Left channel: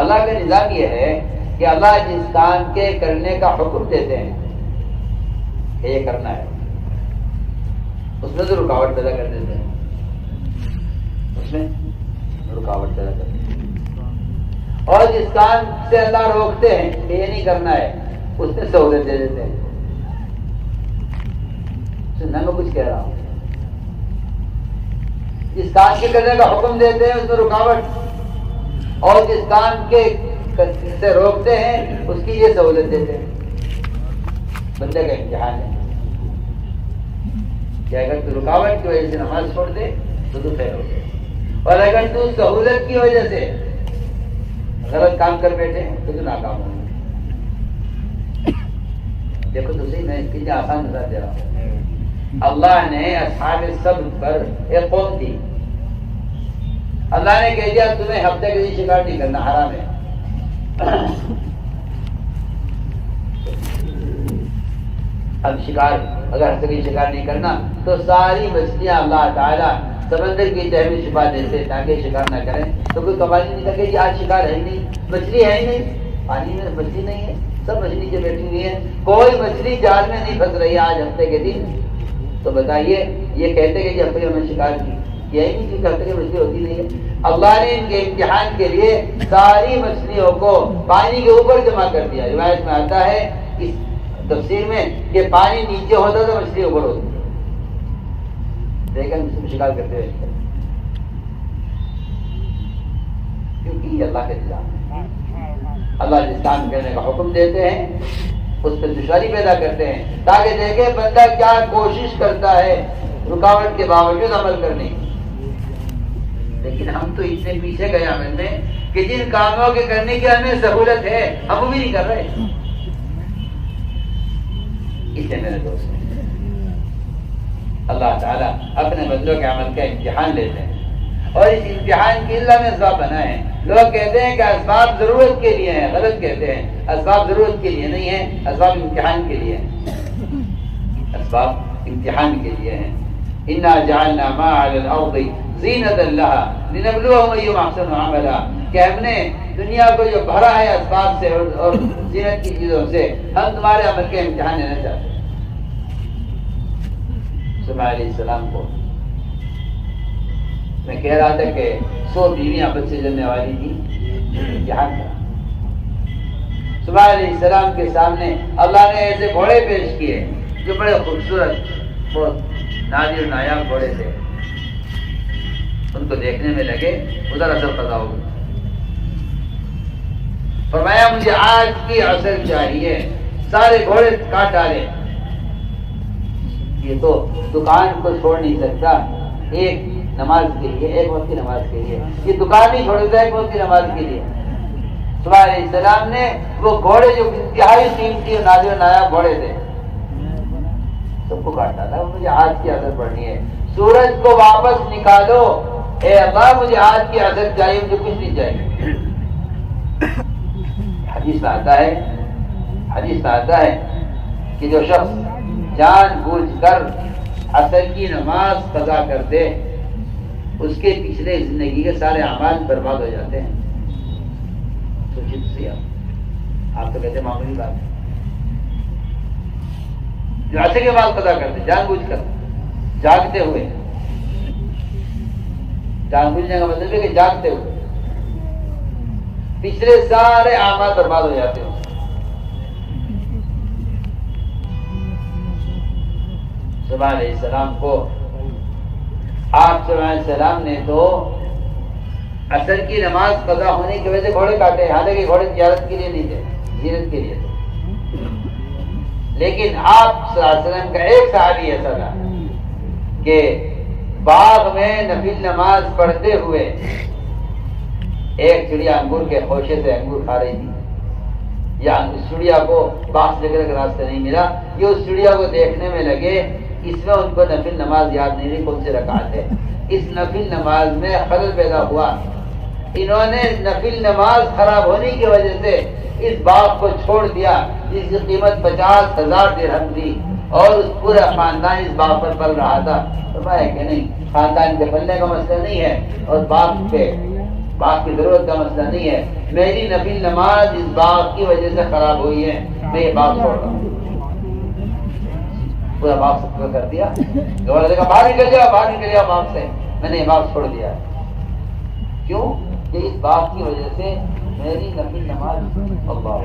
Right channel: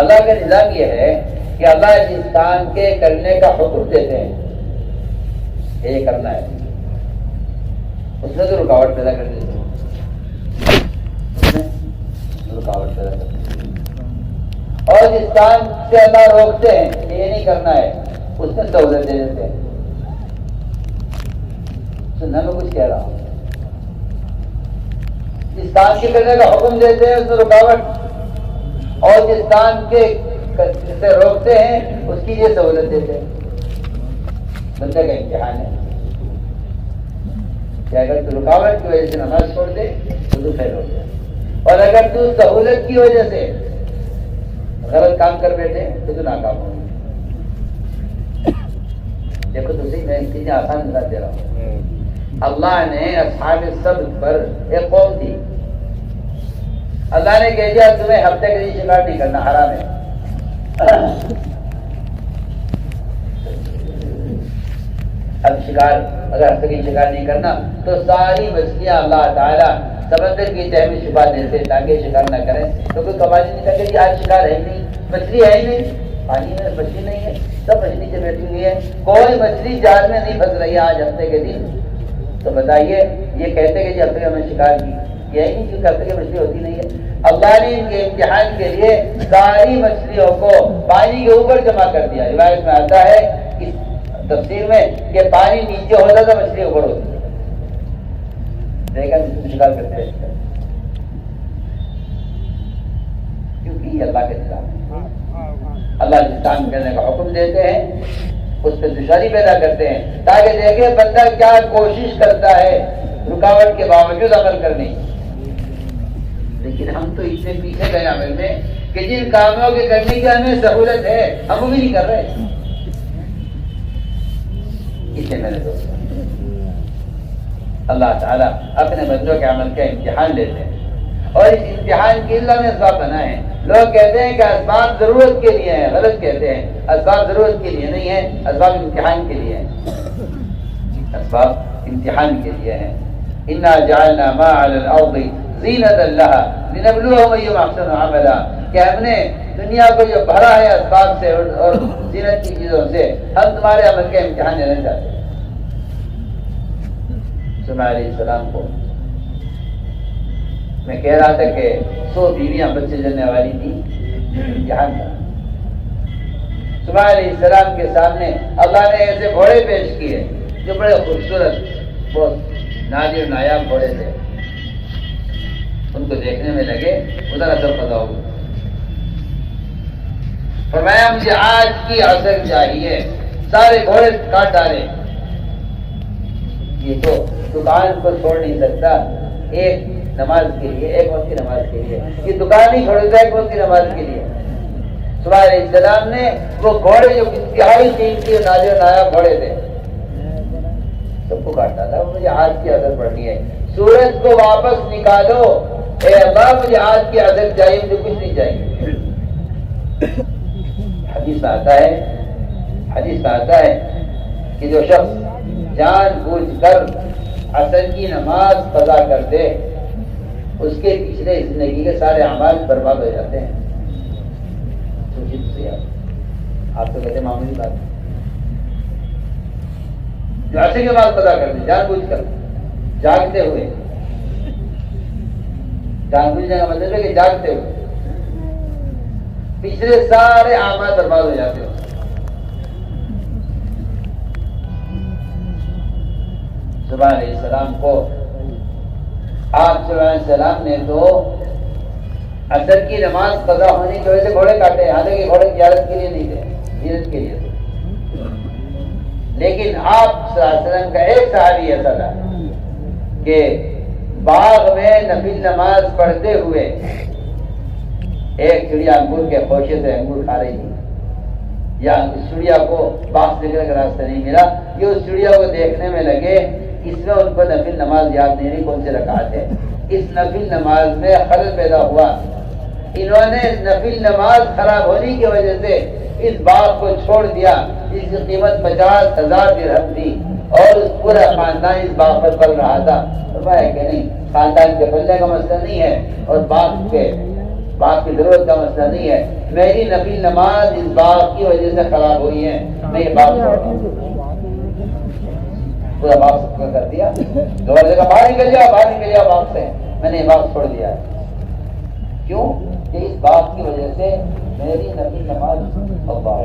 اللہ کا نظام یہ ہے کہ اللہ جس کام کے کرنے کا حکم دیتے ہیں یہ کرنا ہے، اس میں تو رکاوٹ پیدا کر دیتے ہیں، رکاوٹ پیدا کر دیتے ہیں، اور جس کام سے اللہ روکتے ہیں کہ یہ نہیں کرنا ہے اس میں سہولت دے دیتے ہیں۔ سننا میں کچھ کہہ رہا ہوں، جس کام کے کرنے کا حکم دیتے ہیں اس میں رکاوٹ، اور جس کام کے سے روکتے ہیں اس کی یہ سہولت دیتے ہیں۔ بندے کا امتحان ہے کہ اگر تو رکاوٹ کی وجہ سے نماز چھوڑ دے تو فیل ہو گیا، اور اگر تو سہولت کی وجہ سے غلط کام کر بیٹھے تو ناکام ہو گیا۔ دیکھو تو صحیح، میں اتنی آسان مثال دے رہا ہوں۔ اللہ نے اصحاب السبت پر ایک قوم تھی، اللہ نے کہہ دیا تمہیں ہفتے کے دن شکار نہیں کرنا، حرام ہے۔ اب شکار اگر ہفتے کے شکار نہیں کرنا تو ساری مچھلیاں اللہ تعالیٰ سمندر کی تہہ میں چھپا دیتے تاکہ شکار نہ کریں، تو کوئی قواعد نہیں لگے کہ آج شکار ہے ہی نہیں، مچھلی ہے ہی نہیں، پانی میں مچھلی نہیں ہے، سب مچھلی سے بیٹھی ہوئی ہے، کوئی مچھلی جال میں نہیں پھنس رہی ہے آج ہفتے کے دن۔ تو بتائیے یہ کہتے کہ ہفتے میں شکار کیا ہی نہیں، کیونکہ ہفتے کی مچھلی ہوتی نہیں ہے۔ اللہ نے ان کے امتحان کے لیے ساری مچھلیوں کو پانی کے اوپر جمع کر دیا۔ روایت میں آتا ہے اس تفسیر میں کہ پانی نیچے ہوتا تھا، مچھلی اوپر ہوتی تھی، لیکن شکار کرتے رہتے ہیں، کیونکہ یہ اللہ کے نظام ہے۔ اللہ جس کام کرنے کا حکم دیتے ہیں اس پہ دشواری پیدا کرتے ہیں تاکہ دیکھیں بندہ کیا کوشش کرتا ہے رکاوٹ کے باوجود عمل کرنے کی۔ لیکن ہم تو اتنے پیچھے گئے عمل میں کہ جن کاموں کے کرنے کی ہمیں سہولت ہے ہم وہ بھی نہیں کر رہے۔ اسے میرے دوست اللہ تعالیٰ اپنے بندوں کے عمل کا امتحان لیتے ہیں، اور اس امتحان کے اللہ نے اسباب بنائے ہیں۔ لوگ کہتے ہیں کہ اسباب ضرورت کے لیے ہیں، غلط کہتے ہیں، اسباب ضرورت کے لیے نہیں ہیں، اسباب امتحان کے لیے ہیں، اسباب امتحان کے لیے ہیں۔ انا جعلنا ما علی الارض زینۃ لها لنبلوهم ایہم احسن عملا، کہ ہم نے دنیا کو جو بھرا ہے اسباب سے اور زینت کی چیزوں سے، ہم تمہارے عمل کا امتحان لینا چاہتے ہیں۔ سلیمان علیہ السلام کو میں کہہ رہا تھا کہ 100 بیویاں بچے جننے والی تھی، امتحان کا۔ سلیمان علیہ السلام کے سامنے اللہ نے ایسے گھوڑے پیش کیے جو بڑے خوبصورت، بہت نادر نایاب گھوڑے تھے، ان کو دیکھنے میں لگے ادھر اثر پیدا ہو گیا۔ فرمایا مجھے آج کی عصر چاہیے، سارے گھوڑے کاٹ ڈالے۔ یہ تو دکان کو چھوڑ نہیں سکتا ایک نماز کے لیے، ایک وقت کی نماز کے لیے، یہ دکان نہیں چھوڑے گا ایک وقت کی نماز کے لیے۔ سلیمان علیہ السلام نے وہ گھوڑے جو انتہائی قیمتی نادر نایاب گھوڑے تھے سب کو کاٹ ڈالا۔ مجھے آج کی عصر پڑھنی ہے، سورج کو واپس نکالو، اے اللہ مجھے آج کی عصر چاہیے، مجھے کچھ نہیں چاہیے۔ حدیث میں آتا ہے کہ جو شخص جان بوجھ کر عصر کی نماز قضا کر دے اس کے پچھلے زندگی کے سارے اعمال برباد ہو جاتے ہیں۔ سوچیے تو صحیح، آپ تو کہتے ہیں معمولی بات ہے، جو عصر کی نماز قضا کر دے جان بوجھ کر، جاگتے ہوئے، جان بوجھنے کا مطلب ہے کہ جاگتے ہوئے پچھلے سارے اعمال برباد ہو جاتے ہو۔ سلیمان علیہ السلام کو آپ صلی اللہ علیہ وسلم نے تو عصر کی نماز قضا ہونے کی وجہ سے گھوڑے کاٹے، حالانکہ گھوڑے زیارت کے لیے نہیں تھے، زینت کے لیے تھے، لیکن آپ صلی اللہ علیہ وسلم کا ایک صحابی ایسا تھا کہ باغ میں نفل نماز پڑھتے ہوئے ایک چڑیا انگور کے خوشے سے انگور کھا رہی تھی، یا اس چڑیا کو باغ سے نکلنے کا راستہ نہیں ملا، یہ اس چڑیا کو دیکھنے میں لگے، اس میں ان کو نفل نماز یاد نہیں رہی کون سی رکعت ہے، اس نفل نماز میں خلل پیدا ہوا، انہوں نے نفل نماز خراب ہونے کی وجہ سے اس باغ کو چھوڑ دیا جس کی قیمت 50,000 درہم تھی، اور اس پورا خاندان اس باغ پر پل رہا تھا۔ فرمایا کہ نہیں، خاندان کے پلنے کا مسئلہ نہیں ہے، اور باغ پہ باغ کی ضرورت کا مسئلہ نہیں ہے، میری نفل نماز اس باغ کی وجہ سے خراب ہوئی ہے، میں یہ باغ چھوڑ رہا ہوں۔ پورا باغ سب کو کر دیا، گورنر کا باہر نکل جاؤ باغ سے، میں نے یہ باغ چھوڑ دیا ہے۔ کیوں کہ اس باغ کی وجہ سے میری نفل نماز اللہ